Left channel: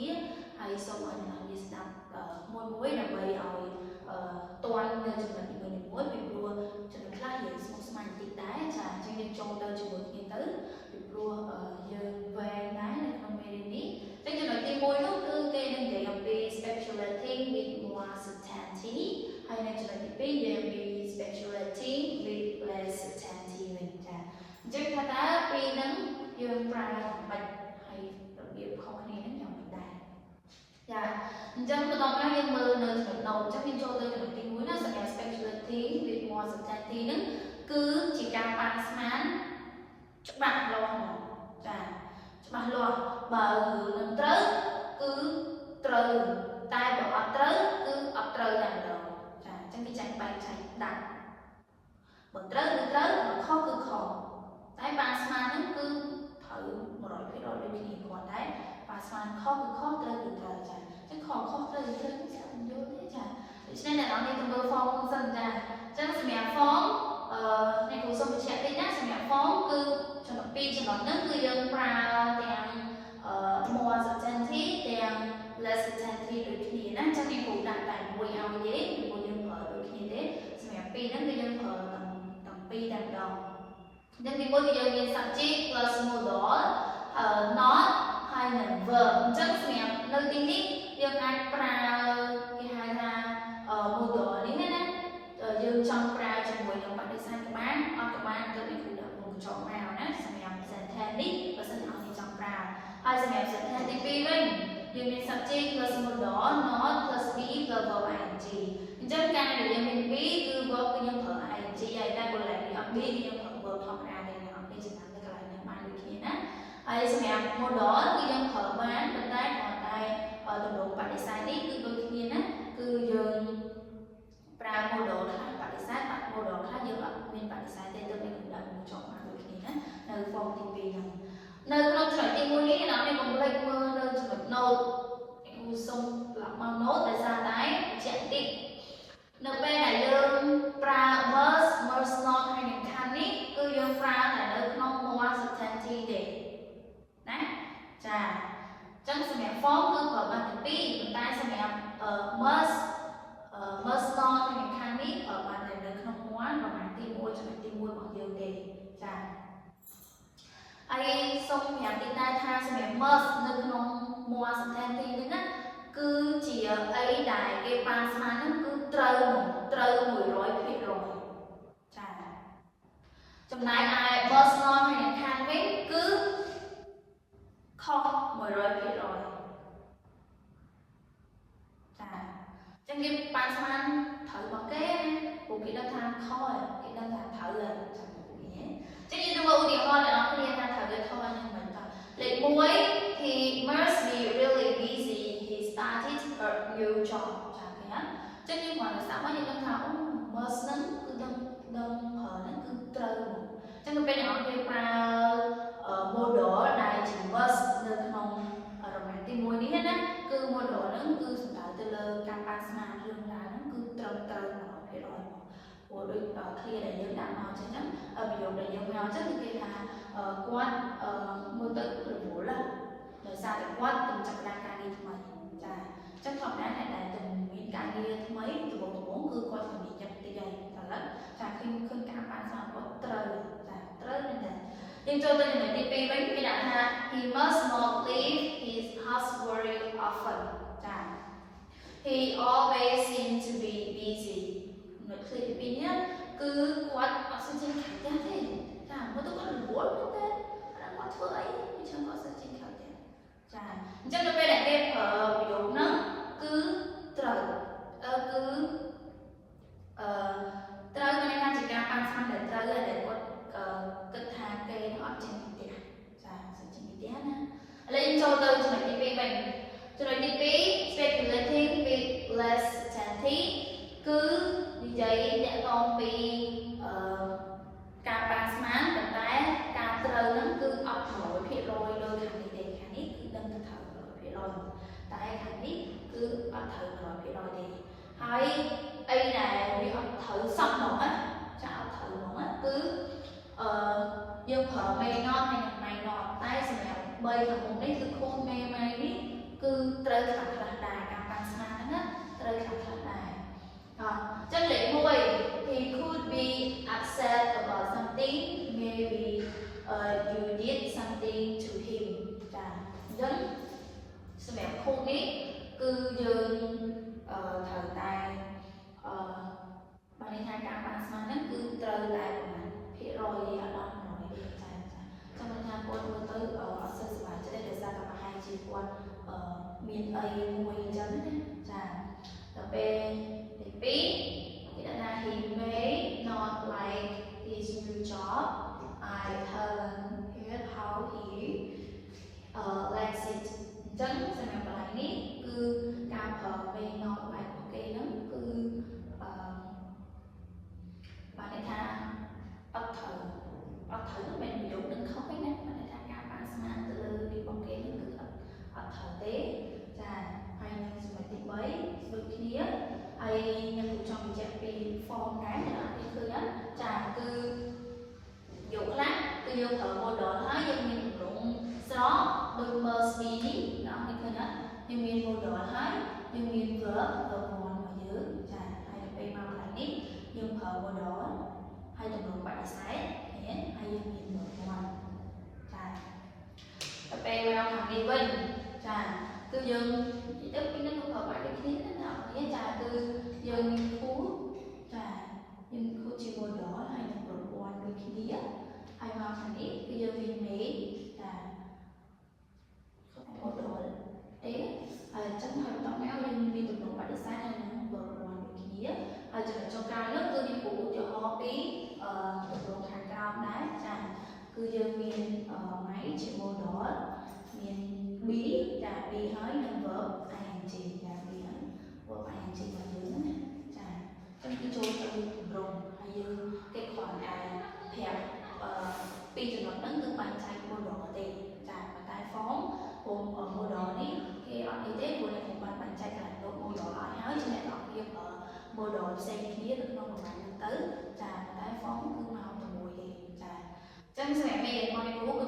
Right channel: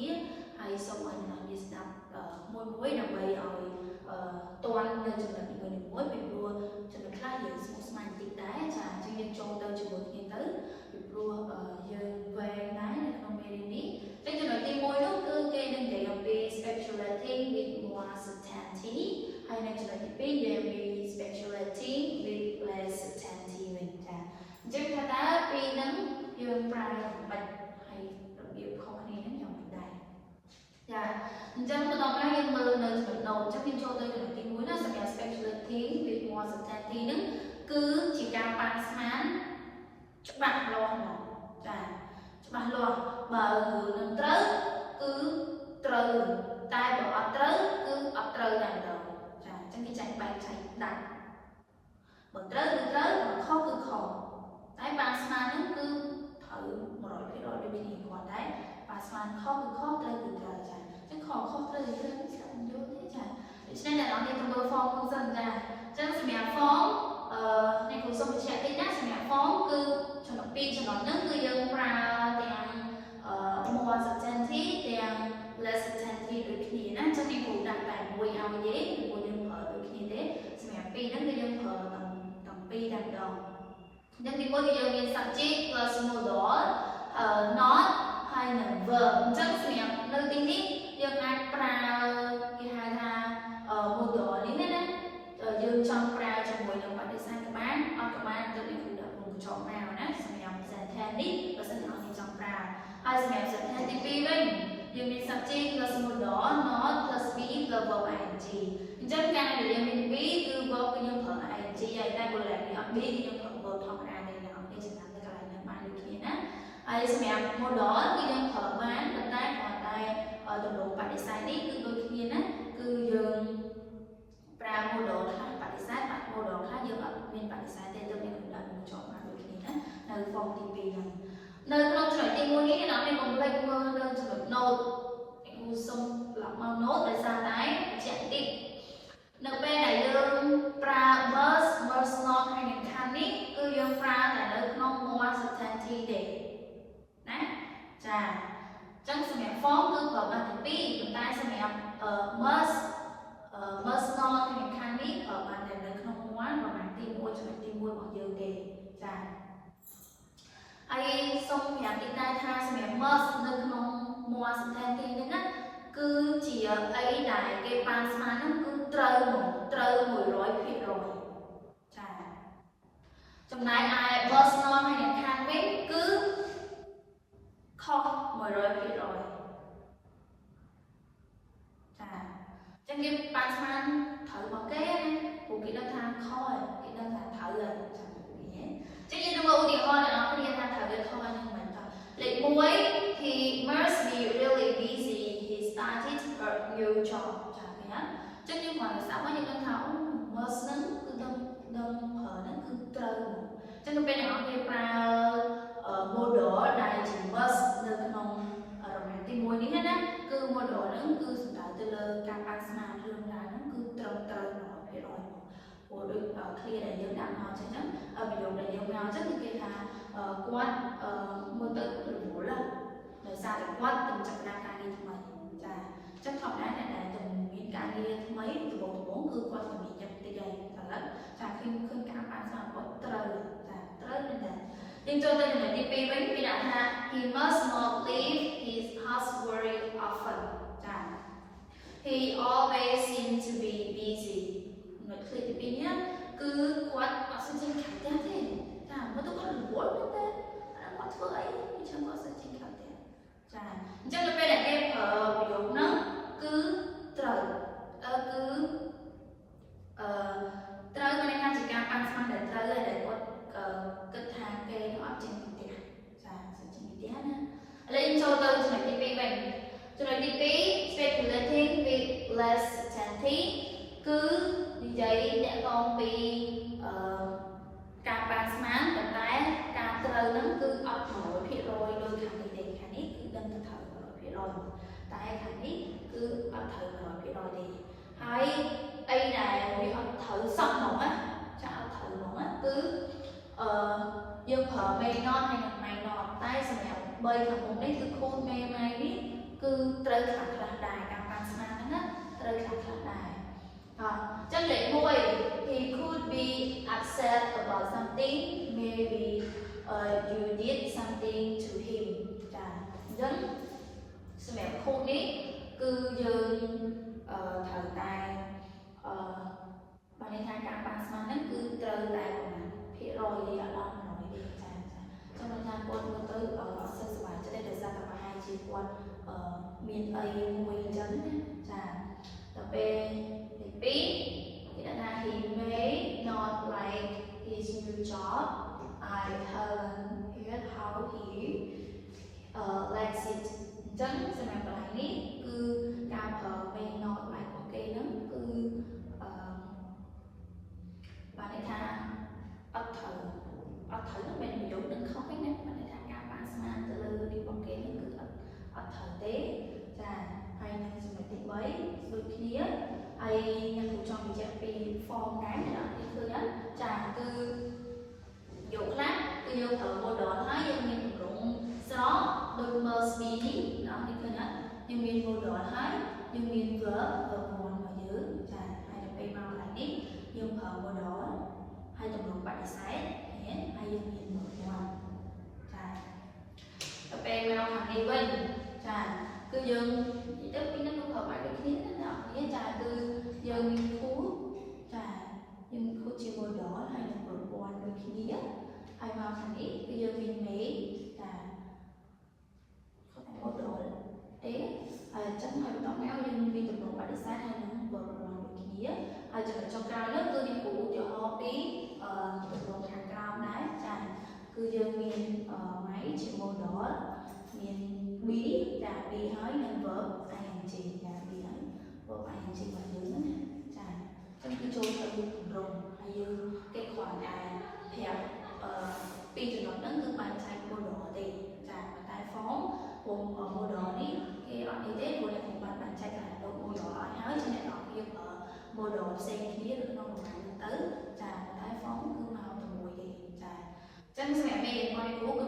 នេះហើយសូមឲ្យអ្នកនាងស្ដាប់មួយដើម្បីឲ្យទាន់នៅចំណុចនីមួយៗពីព្រោះចំណុចខ្លះយើងស្មុគស្មាញបន្តិចដែរចាអញ្ចឹងយើងចូលទៅជាមួយគ្នាទៅពីព្រោះយើងវែងដែរនៅក្នុងមេរៀននេះតែចំណុចទី1នោះគឺគេនឹងនិយាយអំពី speculating with more certainty ហើយនៅចំណុចទី2យើងមាន speculating with less certainty វិញចាអញ្ចឹងថាតើពីរហ្នឹងយើងប្រើយ៉ាងម៉េចហើយរបៀបខុសគ្នាយ៉ាងម៉េចដែរចាអញ្ចឹងបន្ទាប់មកយើងមើលនៅចំណុច note អញ្ចឹងយើងចូលទៅចំណុចទី1ណាសម្រាប់ speculating with more certainty ហ្នឹងគឺជាការប៉ាន់ស្មានច្បាស់លាស់ចាច្បាស់លាស់បើមិនត្រូវគឺត្រូវតែបើអត់ត្រូវគឺអត់ត្រូវយ៉ាងដែរចាអញ្ចឹងគេចែកបែបចែកដាក់បើត្រូវគឺត្រូវបើខុសគឺខុសតែប៉ាន់ស្មានហ្នឹងគឺត្រូវ 100% ដូចគ្នាគាត់តែប៉ាន់ស្មានខុសគឺខុសត្រូវគឺត្រូវចាអញ្ចឹងខុសត្រូវគឺត្រូវស្គាល់យល់ទេចាដូច្នេះអ្នកនរនេះទៅមើល form មុនសិនចាអញ្ចឹងសម្រាប់ form នេះគូសុំបញ្ជាក់តិចណាសម្រាប់ form គឺចំណុច2ចំណុចហ្នឹងគឺយើងប្រើទាំង more certainty ទាំង less certainty ដូចគ្នាណាអញ្ចឹងនេះគូដាក់តែមួយឲ្យនិយាយព្រោះយើងប្រើដូចគ្នាទេសម្រាប់2ហ្នឹងគឺយើងប្រើទាំងពីរតែម្ដងអញ្ចឹងទី1គឺយើងមាន subject plus modal not ហើយនឹង verb អញ្ចឹងសម្រាប់នៅទីនេះយើងអាចប្រើគេហៅថា modal នេះណាយើងចង់ប្រើជាមួយនឹងបដិសេធក៏បានអត់ក៏បានគឺមានគោលដៅក្នុងកញ្ចក់មកណាសម្រាប់ sentence នេះបើសិនជាអត់ចង់ប្រើហើយសម្រាប់ sentence ទី2វិញយើងមាន subject plus modal not plus be plus verb ing អញ្ចឹងការដែលយើងមាន be គឺ verb គឺយើងប្រើ ing ហើយតែបើដែលអត់ be យើងប្រើ verb ធម្មតាទេយើងអត់មានចំណាំទៅកន្លែងណាបានដូចគ្នាណាហើយសម្រាប់ modal គឺយើងប្រើបានប៉ុន្តែគ្រាន់តែទម្រង់បដិសេធនេះគឺដូចគ្នាណាគឺយើងប្រើ modal ថាបដិសេធ modal ថាយើងអត់មានបដិសេធទេយើងមានគោលដៅមួយចុះមកដូចគ្នាណានៅ form ទី2ហ្នឹងនៅក្នុងចំណុចទី1នេះអ្នកនរកុំភ្លេចមើលនៅចំណុច note ខ្ញុំសូមប្រាប់មក note ដោយសារតែជាក់តិចនៅពេលដែលយើងប្រើ must not ហើយនឹង can នេះគឺយើងប្រើតែនៅក្នុង more certainty ទេណាចាអញ្ចឹងសម្រាប់ form គឺប្រើបានទី2ប៉ុន្តែសម្រាប់ must not ហើយនឹង can នេះប្រើបានតែនៅក្នុង one ប្រមាណទី1ចំណុចទី1របស់យើងទេចាហើយសូមប្រាប់តិចដែរថាសម្រាប់ must នៅក្នុង more certainty នេះណាគឺជាអីដែលគេប៉ាន់ស្មានហ្នឹងគឺត្រូវ100%ចាចំណែកឯ must not ហើយនឹង can វិញគឺខុស 100%ចាចឹងគេប៉ាន់ស្មានត្រូវរបស់គេណាព្រោះគេដឹងថាខុសគេដឹងថាត្រូវហើយចឹងចឹងយើងទៅឧទាហរណ៍ដល់អ្នកគ្នាថាត្រូវឬខុសហ្នឹងមិនតលេខ1 he must be really busy he started a new job ចាឃើញចឹងយើងគ្រាន់តែស្ដាប់មកយើងដឹងថាអូ must ហ្នឹងគឺដឹងប្រើហ្នឹងគឺត្រូវចឹងទៅពេលអ្នកនរគ្នាប្រើ modal ដែលជា must នៅក្នុងរង្វាន់ទី1នេះណាគឺ modal ហ្នឹងគឺសំដៅទៅលើការប៉ាន់ស្មានរឿងរ៉ាវហ្នឹងគឺត្រូវ100%ព្រោះដូចclear ដែលយើងដាក់មកអញ្ចឹងប្រយោគដែលយើងយកអញ្ចឹងគឺគេថាគាត់មើលទៅរវល់ដោយសារតែគាត់កំចាត់ការងារថ្មីចាអញ្ចឹងធម្មតាអ្នកដែលទៅមានការងារថ្មីដំបូងគឺគាត់ជំនាញចិត្តតិចហើយឥឡូវចាឃើញការប៉ាន់ស្មានគាត់ត្រូវចាត្រូវមែនទេយើងចូលទៅចំណុចទី2វិញគេដាក់ថា he must not leave his house very often ចា he always seems to be busy នៅឃើញទី2នេះគឺគាត់អត់សូវចេញខាងផ្ទះទេចាមកទៅគាត់រវល់ទេគាត់ធ្វើអីវាចាំគាត់សូវចេញខាងផ្ទះចាអញ្ចឹងទៅពេលដែលគេប្រើប្រយោគហ្នឹងគឺត្រូវត្រូវមានន័យថាជាការប៉ាន់ស្មានដែលត្រូវហើយដែលគាត់គិតថាគេអត់ចេញពីផ្ទះចាសូវចេញពីផ្ទះណាឥឡូវយើងចូលទៅចំណុចទី2វិញចំណុចទី2 speculating with less certainty គឺនិយាយតាក់ទងពីការប៉ាន់ស្មានប៉ុន្តែការត្រូវហ្នឹងគឺអត់ 100% ដូចខាងនេះទេខាងនេះគឺដឹងថាត្រូវ 100% តែខាងនេះគឺអត់ត្រូវ 100% ទេហើយអីដែលវាអត់ត្រូវសោះហ្មងណាចាអត់ត្រូវហ្មងណាគឺយើងប្រើ may not ហើយនិង may not តែសម្រាប់3ខាងមុខនេះគឺខូន may នេះ cứ trời khá khá đài cả bạn sáng đó trời khá khá đài chân lệ môi he could be upset about something maybe you did something to him dân sự đẹp khôn ấy cứ dương thời tài bạn ấy thay cả bạn sáng nó cứ trời lại của mình phía rồi đi ở đâu mà nói đi cho nên là quân mới tới ở sân sài cho nên được ra cả hai chị quân miền tây mùi chân tập bên thì đã là he may not like his new job. I haven't heard how he likes it. Chân sẽ làm bài này cứ cao thờ may not like ok nó cứ bạn ấy tha bắt thử mình bị đúng đừng không phải nè bạn ấy tha cao bạn sang từ đi bằng kia nó cứ bắt thử tế hay là sự mà tìm mấy đôi khi ai nhân thủ cho mình chạy đi form cái này đó thì cứ nhá cứ dụ lát cứ vô thử mua đồ nói dân mình cũng gió bưng mơ xí đó thì cứ nhá nhân viên mua đồ nói nhân viên vỡ đồ ngon ở dưới hay là bay mau lại ít nhưng thợ mua đồ hay tầm lượng bạn sáng hay dân viên một ngon bay mau thằng đi vinh cứ dương chỉ tức cái nó không phải cái khí đó nghĩa cứ dương phú dương phú chiều bồi đỏ hay là bồi quan đôi khi hay vào thằng ít cứ dương viên mỹ không phải bồi đỏ đấy chắc hay tao méo nhưng viên tầm lượng bạn sáng hay là bồi quan đôi khi hay cho cái nó cứ đi phụ cho họ tí tầm lượng hàng cao đấy cứ dương viên máy chiều bồi đỏ miền bí bí nói nên vợ ai hành chị bí nói vợ ai hành chị vào dưới nữa trong khi trôi vào đi thùng rồng hay như cái khoản ai hẹp tuy thì nó vẫn cứ bàn tay mua đồ thì tài phóng cùng ở mua đồ đi cái ở y tế của này thì bàn tay là đồ mua đồ ở nhớ cho này ở kia ở mua đồ xe phía được không được tới tài phóng cứ nào cho mùi thì chân mẹ này mọi người